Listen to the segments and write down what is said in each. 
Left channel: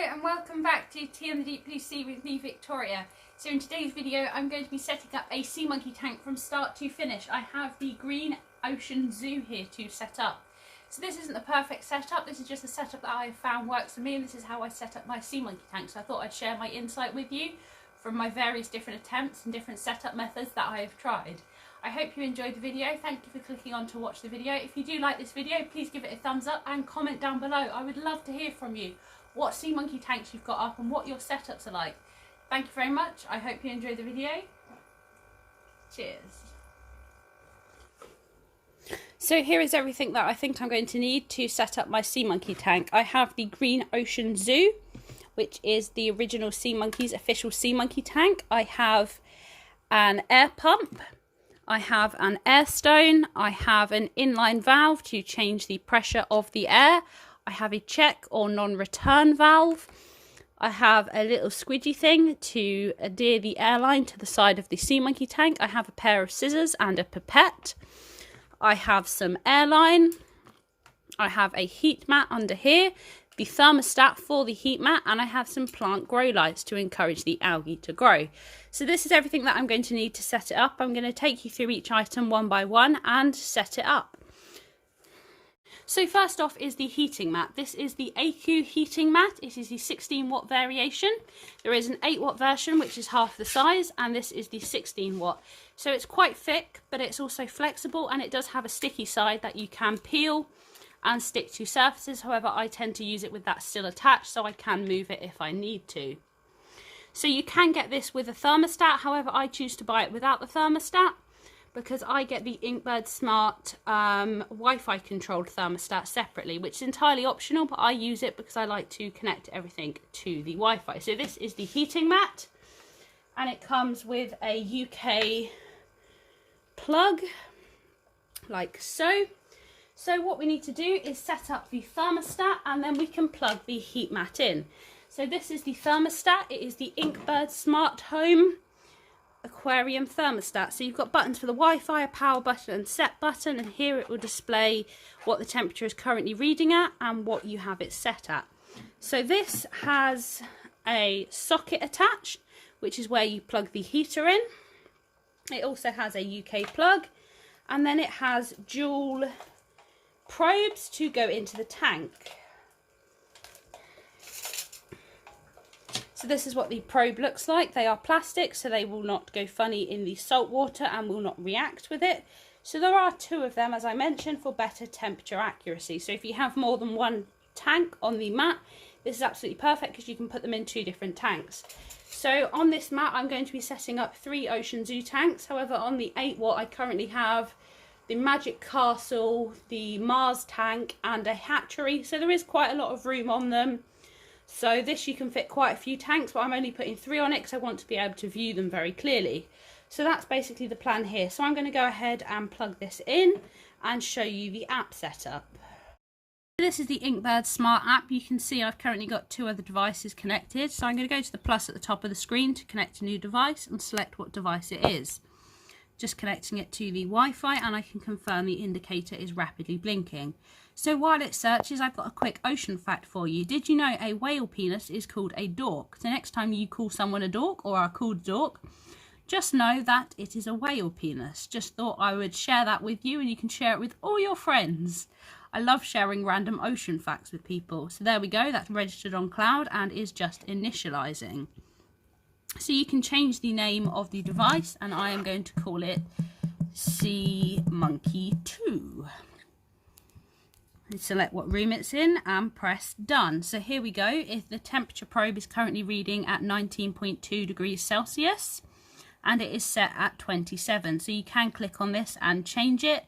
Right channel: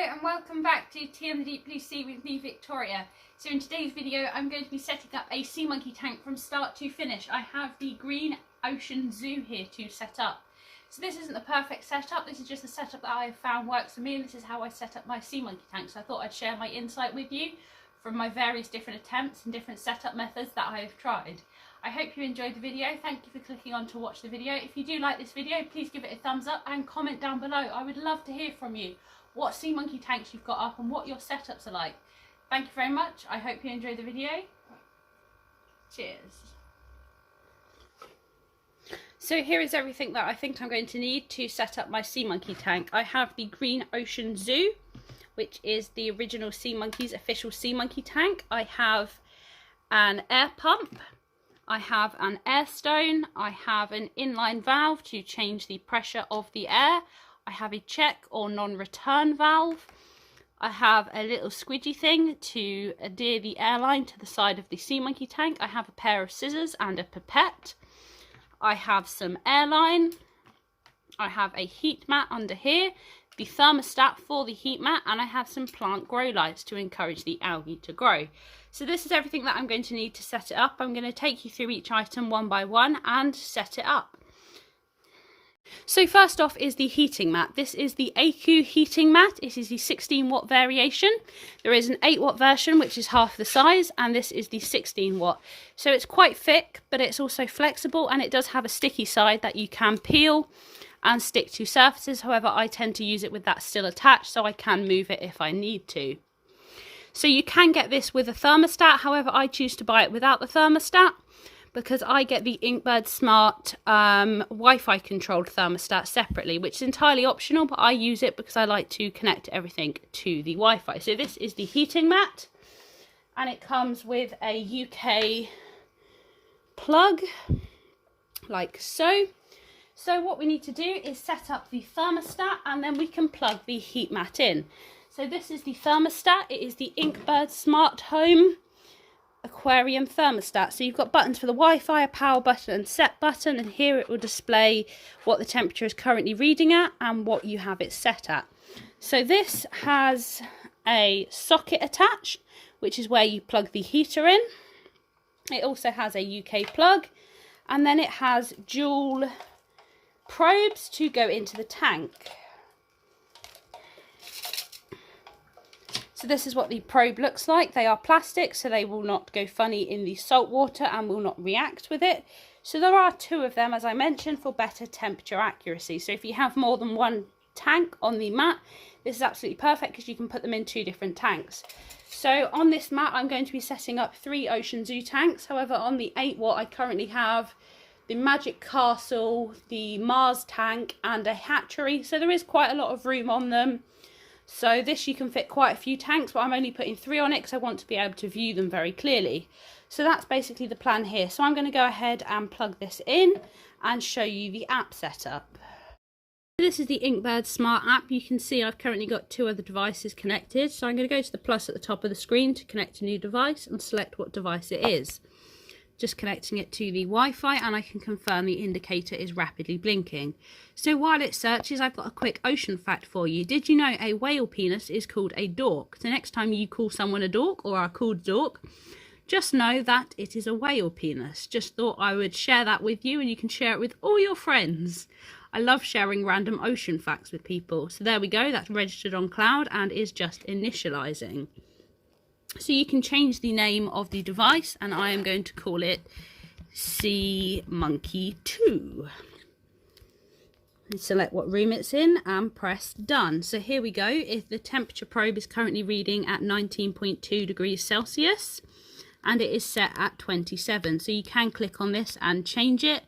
Hello and welcome back to Tea on the Deep Blue Sea with me, Victoria. So in today's video I'm going to be setting up a sea monkey tank from start to finish. I have the Green Ocean Zoo here to set up. So this isn't the perfect setup, this is just a setup that I have found works for me, and this is how I set up my sea monkey tank. So I thought I'd share my insight with you from my various different attempts and different setup methods that I have tried. I hope you enjoyed the video. Thank you for clicking on to watch the video. If you do like this video, please give it a thumbs up and comment down below. I would love to hear from you what sea monkey tanks you've got up and what your setups are like. Thank you very much. I hope you enjoyed the video. Cheers. So here is everything that I think I'm going to need to set up my sea monkey tank. I have the Green Ocean Zoo, which is the original Sea Monkeys official sea monkey tank. I have an air pump. I have an air stone. I have an inline valve to change the pressure of the air. I have a check or non-return valve. I have a little squidgy thing to adhere the airline to the side of the sea monkey tank. I have a pair of scissors and a pipette. I have some airline. I have a heat mat under here, the thermostat for the heat mat, and I have some plant grow lights to encourage the algae to grow. So this is everything that I'm going to need to set it up. I'm going to take you through each item one by one and set it up. So first off is the heating mat. This is the AQ heating mat. It is the 16 watt variation. There is an 8 watt version which is half the size, and this is the 16 watt. So it's quite thick, but it's also flexible, and it does have a sticky side that you can peel and stick to surfaces. However, I tend to use it with that still attached, so I can move it if I need to. So you can get this with a thermostat. However, I choose to buy it without the thermostat because I get the Inkbird Smart Wi-Fi controlled thermostat separately, which is entirely optional, but I use it because I like to connect everything to the Wi-Fi. So this is the heating mat, and it comes with a UK plug like so. So what we need to do is set up the thermostat, and then we can plug the heat mat in. So this is the thermostat. It is the Inkbird Smart Home Aquarium thermostat. So you've got buttons for the Wi-Fi, a power button and set button, and here it will display what the temperature is currently reading at and what you have it set at. So this has a socket attached, which is where you plug the heater in. It also has a UK plug, and then it has dual probes to go into the tank. So this is what the probe looks like. They are plastic, so they will not go funny in the salt water and will not react with it. So there are two of them, as I mentioned, for better temperature accuracy. So if you have more than one tank on the mat, this is absolutely perfect because you can put them in two different tanks. So on this mat, I'm going to be setting up 3 Ocean Zoo tanks. However, on the 8 watt, I currently have the Magic Castle, the Mars tank, and a hatchery. So there is quite a lot of room on them. So this, you can fit quite a few tanks, but I'm only putting 3 on it because I want to be able to view them very clearly. So that's basically the plan here. So I'm going to go ahead and plug this in and show you the app setup. This is the Inkbird Smart app. You can see I've currently got 2 other devices connected. So I'm going to go to the plus at the top of the screen to connect a new device and select what device it is. Just connecting it to the Wi-Fi, and I can confirm the indicator is rapidly blinking. So while it searches, I've got a quick ocean fact for you. Did you know a whale penis is called a dork? So next time you call someone a dork or are called dork, just know that it is a whale penis. Just thought I would share that with you, and you can share it with all your friends. I love sharing random ocean facts with people. So there we go, that's registered on cloud and is just initializing. So you can change the name of the device, and I am going to call it Sea Monkey 2. And select what room it's in and press done. So here we go. If the temperature probe is currently reading at 19.2 degrees Celsius, and it is set at 27. So you can click on this and change it.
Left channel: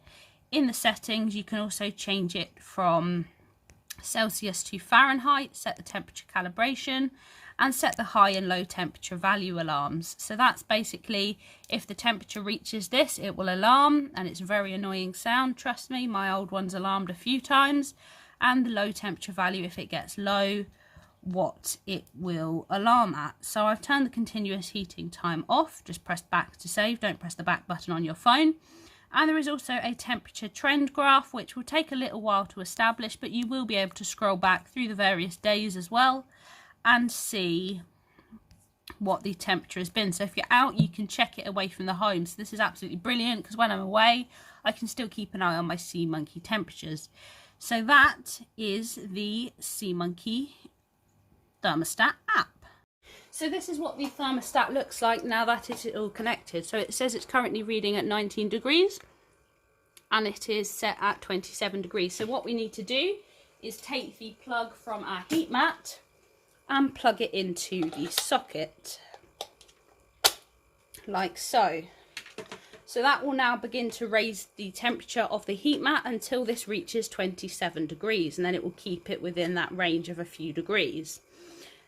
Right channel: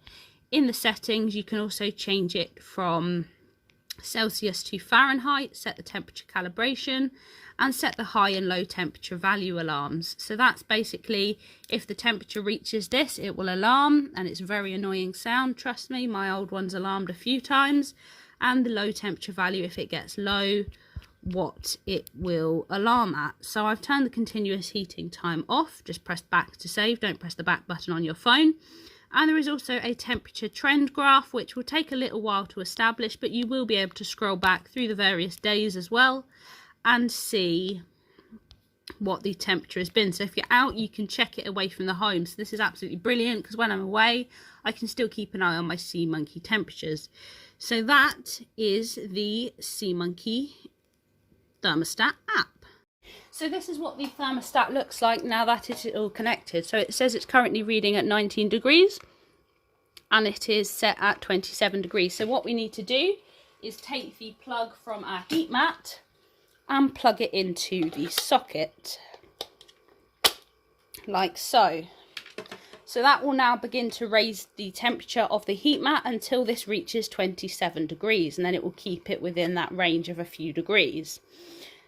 In the settings, you can also change it from Celsius to Fahrenheit, set the temperature calibration, and set the high and low temperature value alarms. So that's basically, if the temperature reaches this, it will alarm, and it's a very annoying sound, trust me. My old one's alarmed a few times. And the low temperature value, if it gets low, what it will alarm at. So I've turned the continuous heating time off. Just press back to save, don't press the back button on your phone. And there is also a temperature trend graph, which will take a little while to establish, but you will be able to scroll back through the various days as well and see what the temperature has been. So if you're out, you can check it away from the home. So this is absolutely brilliant, because when I'm away, I can still keep an eye on my Sea Monkey temperatures. So that is the Sea Monkey thermostat app. So this is what the thermostat looks like now that it is all connected. So it says it's currently reading at 19 degrees and it is set at 27 degrees. So what we need to do is take the plug from our heat mat and plug it into the socket, like so. So that will now begin to raise the temperature of the heat mat until this reaches 27 degrees, and then it will keep it within that range of a few degrees.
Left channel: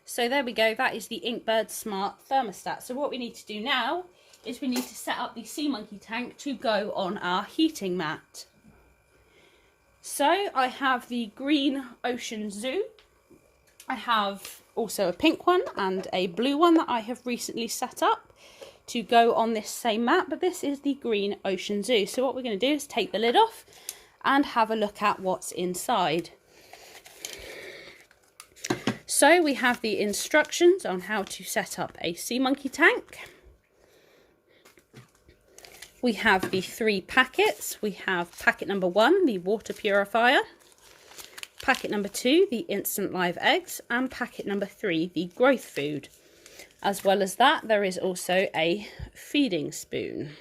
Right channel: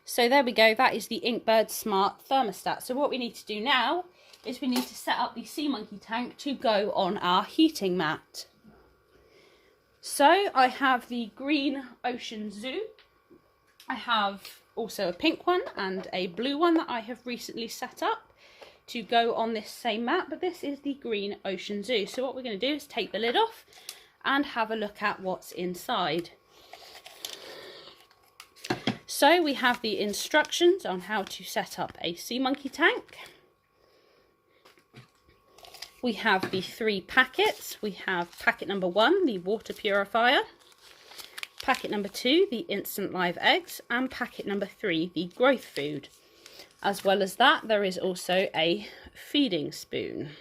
So there we go, that is the Inkbird Smart Thermostat. So what we need to do now is we need to set up the Sea Monkey tank to go on our heating mat. So I have the green Ocean Zoo. I have also a pink one and a blue one that I have recently set up to go on this same mat, but this is the green Ocean Zoo. So what we're going to do is take the lid off and have a look at what's inside. So we have the instructions on how to set up a Sea Monkey tank. We have the 3 packets. We have packet number 1, the water purifier. Packet number 2, the instant live eggs. And packet number 3, the growth food. As well as that, there is also a feeding spoon.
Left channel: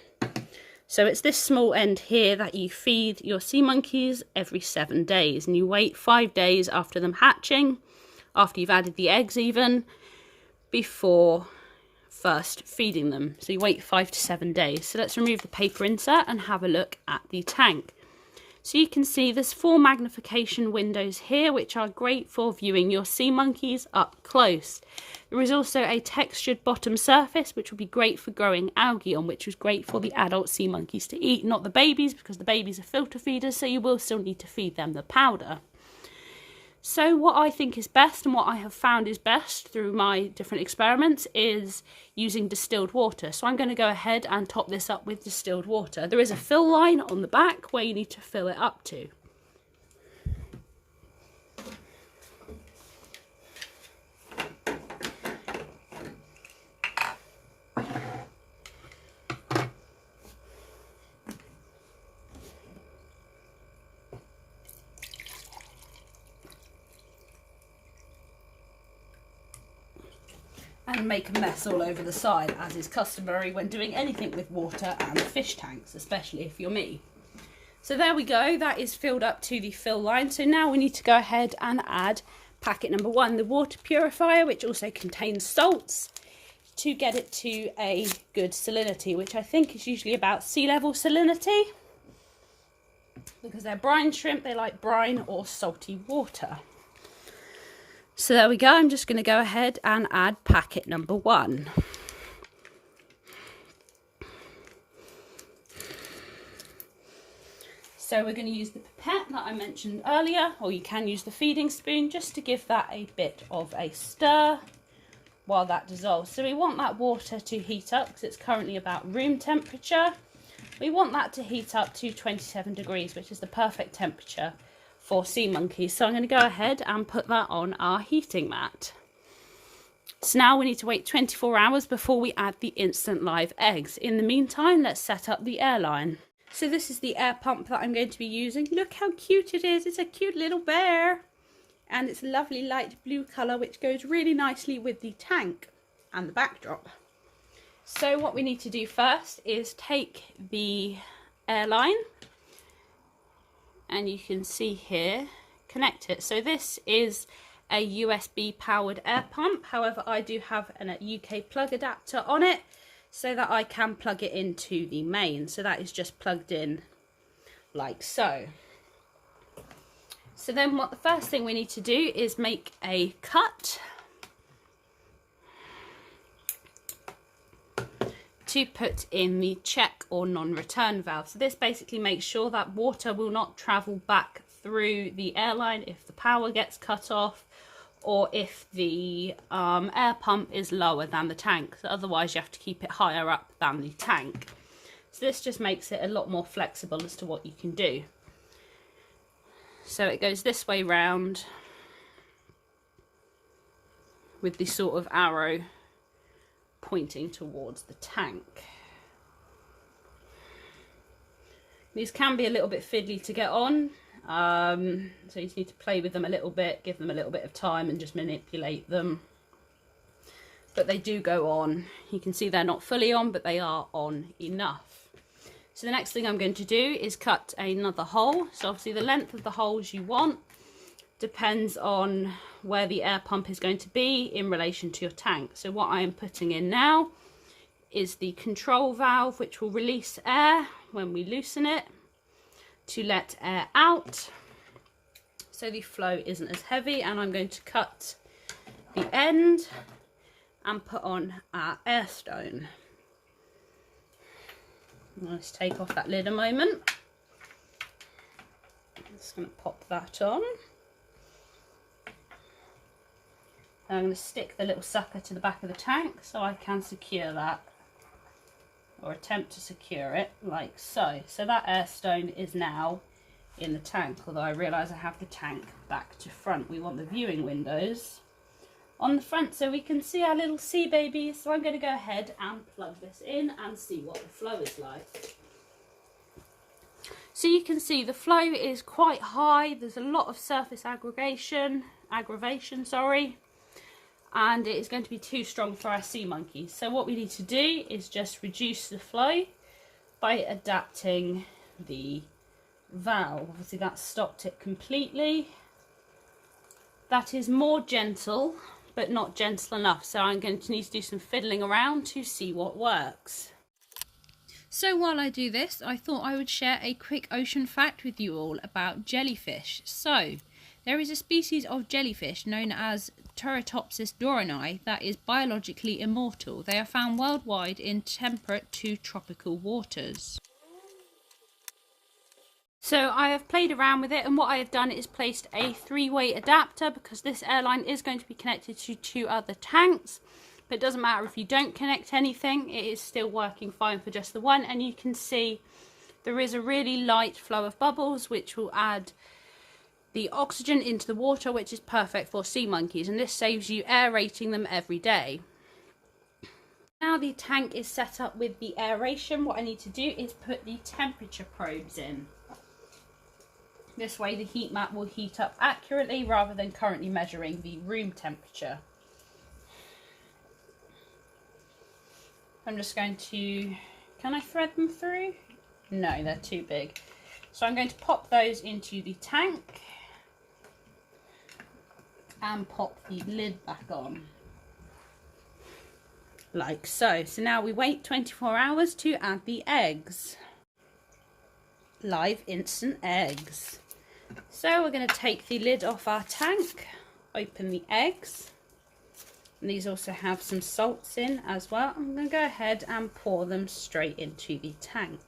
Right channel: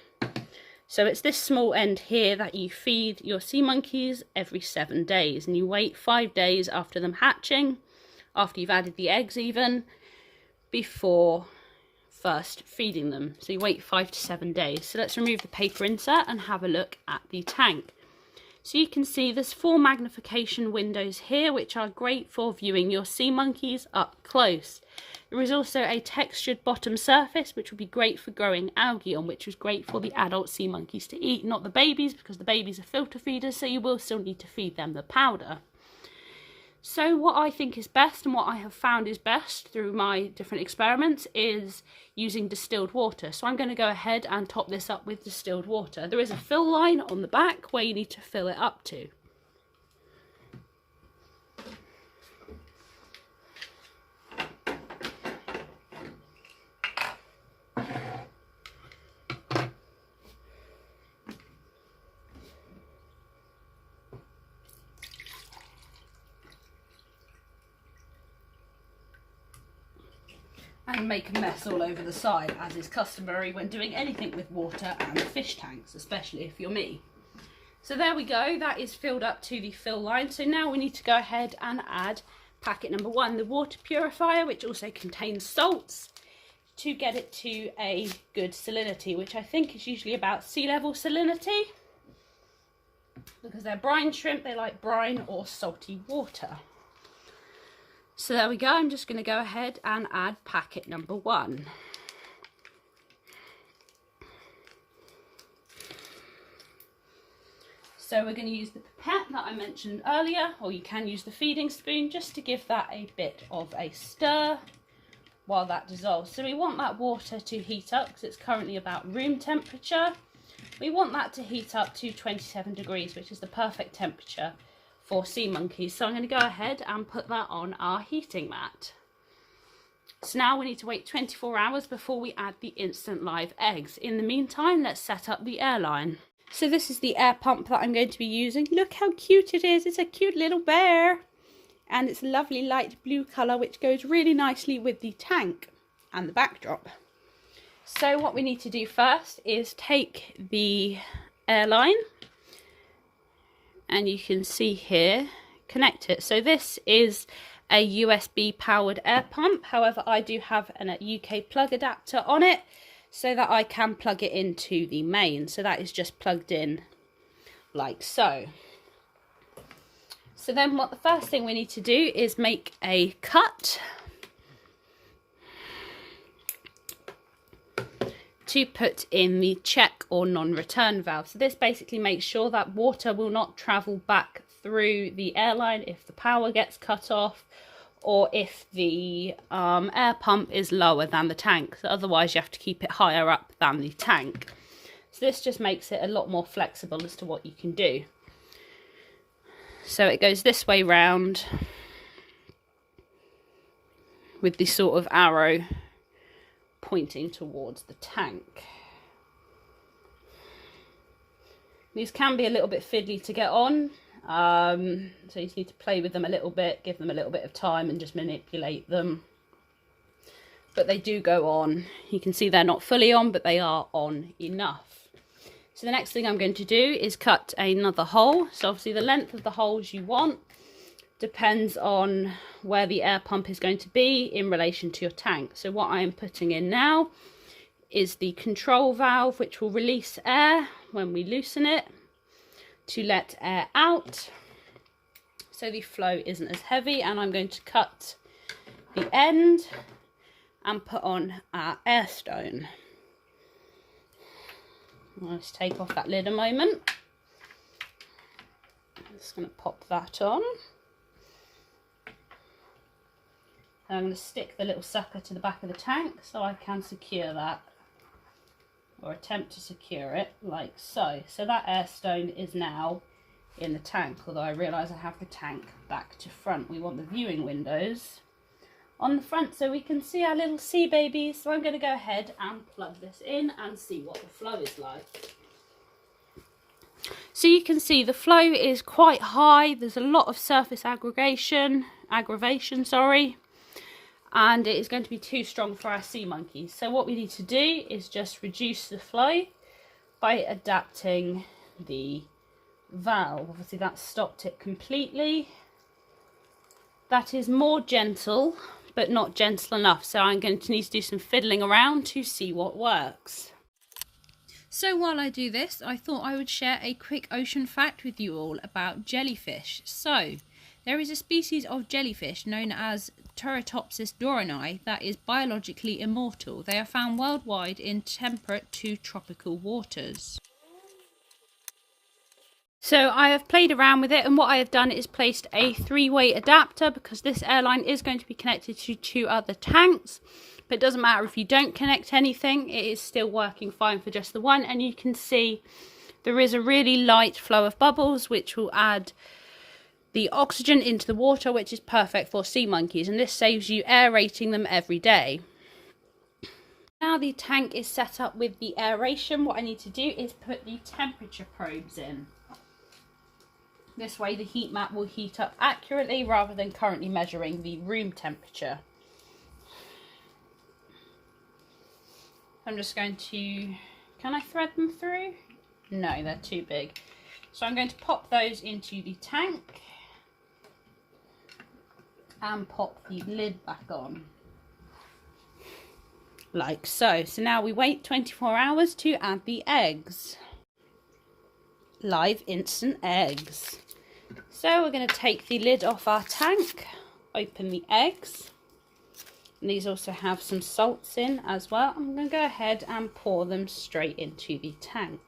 So it's this small end here that you feed your sea monkeys every 7 days. And you wait 5 days after them hatching, after you've added the eggs even, before first feeding them. So you wait 5 to 7 days. So let's remove the paper insert and have a look at the tank. So you can see there's 4 magnification windows here, which are great for viewing your sea monkeys up close. There is also a textured bottom surface, which will be great for growing algae on, which is great for the adult sea monkeys to eat, not the babies, because the babies are filter feeders, so you will still need to feed them the powder. So what I think is best, and what I have found is best through my different experiments, is using distilled water. So I'm going to go ahead and top this up with distilled water. There is a fill line on the back where you need to fill it up to. And make a mess all over the side, as is customary when doing anything with water and fish tanks, especially if you're me. So there we go, that is filled up to the fill line. So now we need to go ahead and add packet number 1, the water purifier, which also contains salts, to get it to a good salinity, which I think is usually about sea level salinity. Because they're brine shrimp, they like brine or salty water. So there we go, I'm just going to go ahead and add packet number 1. So we're going to use the pipette that I mentioned earlier, or you can use the feeding spoon just to give that a bit of a stir while that dissolves. So we want that water to heat up because it's currently about room temperature. We want that to heat up to 27 degrees, which is the perfect temperature for sea monkeys. So I'm going to go ahead and put that on our heating mat. So now we need to wait 24 hours before we add the instant live eggs. In the meantime, let's set up the airline. So this is the air pump that I'm going to be using. Look how cute it is. It's a cute little bear. And it's a lovely light blue colour, which goes really nicely with the tank and the backdrop. So what we need to do first is take the airline, and you can see here, connect it. So this is a USB powered air pump. However, I do have a UK plug adapter on it so that I can plug it into the main. So that is just plugged in like so. So then what the first thing we need to do is make a cut to put in the check or non-return valve. So this basically makes sure that water will not travel back through the airline if the power gets cut off, or if the air pump is lower than the tank. So otherwise you have to keep it higher up than the tank. So this just makes it a lot more flexible as to what you can do. So it goes this way round with the sort of arrow pointing towards the tank. These can be a little bit fiddly to get on, so you just need to play with them a little bit, give them a little bit of time and just manipulate them. But they do go on. You can see they're not fully on, but they are on enough. So the next thing I'm going to do is cut another hole. So obviously the length of the holes you want depends on where the air pump is going to be in relation to your tank. So what I am putting in now is the control valve, which will release air when we loosen it to let air out, so the flow isn't as heavy. And I'm going to cut the end and put on our air stone. Let's take off that lid a moment. I'm just going to pop that on. And I'm going to stick the little sucker to the back of the tank so I can secure that, or attempt to secure it, like so. So that air stone is now in the tank, although I realise I have the tank back to front. We want the viewing windows on the front so we can see our little sea babies. So I'm going to go ahead and plug this in and see what the flow is like. So you can see the flow is quite high. There's a lot of surface aggravation, and it is going to be too strong for our sea monkeys. So what we need to do is just reduce the flow by adapting the valve. Obviously that stopped it completely. That is more gentle, but not gentle enough. So I'm going to need to do some fiddling around to see what works. So while I do this, I thought I would share a quick ocean fact with you all about jellyfish. So there is a species of jellyfish known as Turritopsis dohrnii that is biologically immortal. They are found worldwide in temperate to tropical waters. So I have played around with it, and what I have done is placed a 3-way adapter, because this airline is going to be connected to 2 other tanks. But it doesn't matter if you don't connect anything, it is still working fine for just the one. And you can see there is a really light flow of bubbles which will add the oxygen into the water, which is perfect for sea monkeys, and this saves you aerating them every day. Now the tank is set up with the aeration, what I need to do is put the temperature probes in. This way the heat map will heat up accurately rather than currently measuring the room temperature. I'm just going to, can I thread them through? No, they're too big. So I'm going to pop those into the tank and pop the lid back on, like so. So now we wait 24 hours to add the eggs. Live instant eggs. So we're going to take the lid off our tank, open the eggs, and these also have some salts in as well. I'm going to go ahead and pour them straight into the tank.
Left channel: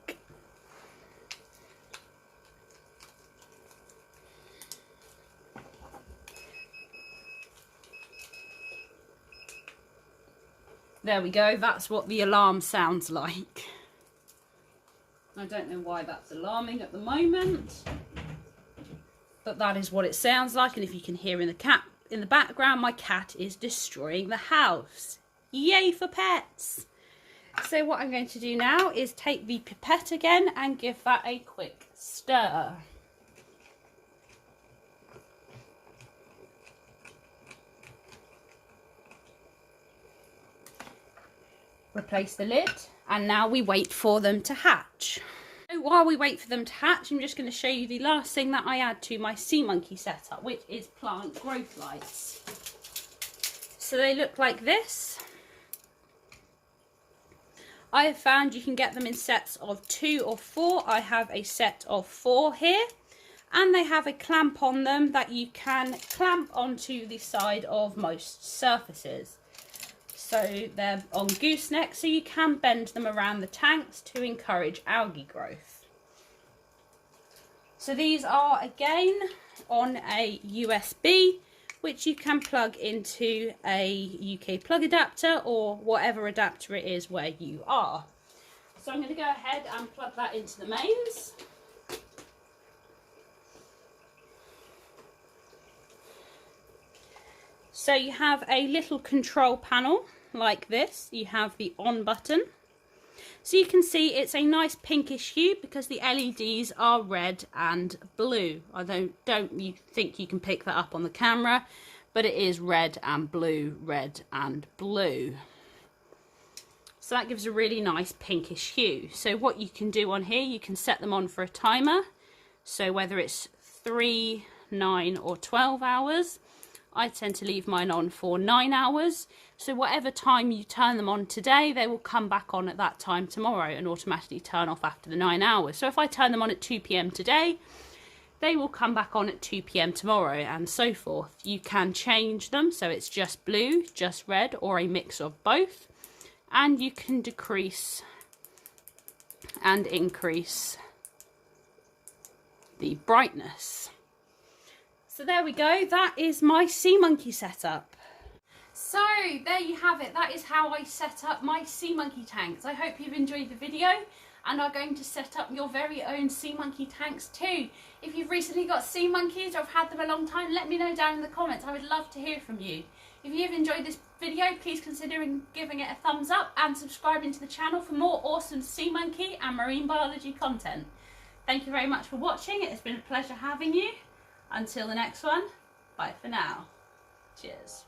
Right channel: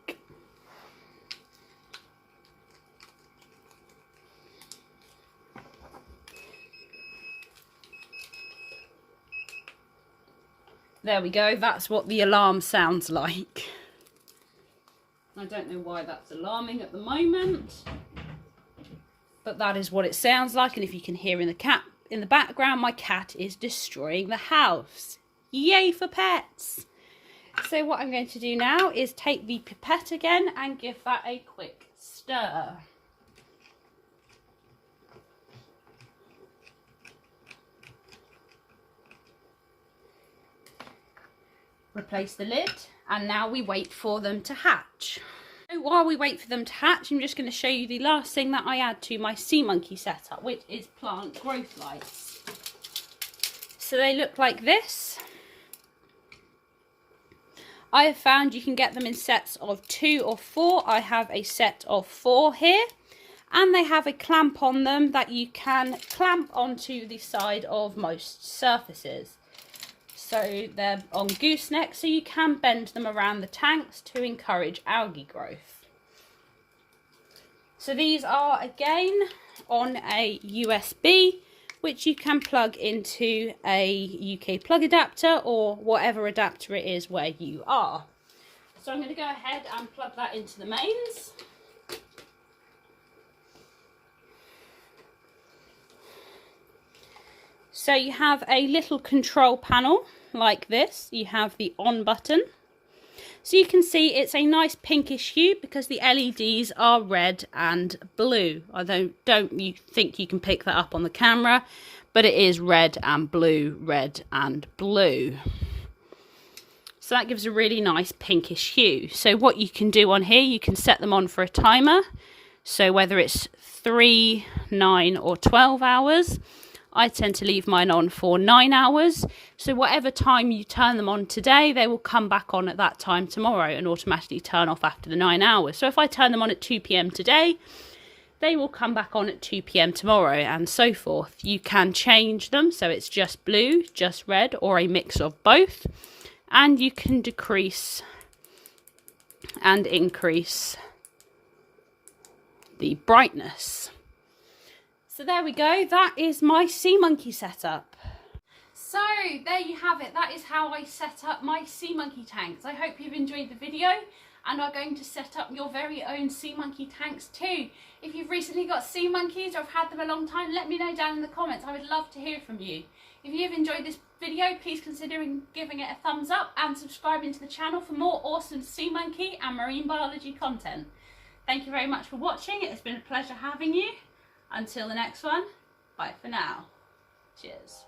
There we go, that's what the alarm sounds like. I don't know why that's alarming at the moment, but that is what it sounds like. And if you can hear in the background, my cat is destroying the house. Yay for pets! So what I'm going to do now is take the pipette again and give that a quick stir. Replace the lid, and now we wait for them to hatch. So while we wait for them to hatch, I'm just going to show you the last thing that I add to my sea monkey setup, which is plant growth lights. So they look like this. I have found you can get them in sets of 2 or 4. I have a set of 4 here, and they have a clamp on them that you can clamp onto the side of most surfaces. So they're on gooseneck, so you can bend them around the tanks to encourage algae growth. So these are again on a USB, which you can plug into a UK plug adapter or whatever adapter it is where you are. So I'm going to go ahead and plug that into the mains. So you have a little control panel like this. You have the on button. So you can see it's a nice pinkish hue because the LEDs are red and blue. I don't you think you can pick that up on the camera, but it is red and blue, red and blue. So that gives a really nice pinkish hue. So what you can do on here, you can set them on for a timer. So whether it's 3, 9 or 12 hours. I tend to leave mine on for 9 hours. So whatever time you turn them on today, they will come back on at that time tomorrow and automatically turn off after the 9 hours. So if I turn them on at 2 p.m. today, they will come back on at 2 p.m. tomorrow and so forth. You can change them so it's just blue, just red or a mix of both. And you can decrease and increase the brightness. So there we go, that is my Sea Monkey setup. So there you have it, that is how I set up my Sea Monkey tanks. I hope you've enjoyed the video and are going to set up your very own Sea Monkey tanks too. If you've recently got sea monkeys or have had them a long time, let me know down in the comments. I would love to hear from you. If you've enjoyed this video, please consider giving it a thumbs up and subscribing to the channel for more awesome sea monkey and marine biology content. Thank you very much for watching. It has been a pleasure having you. Until the next one, bye for now. Cheers.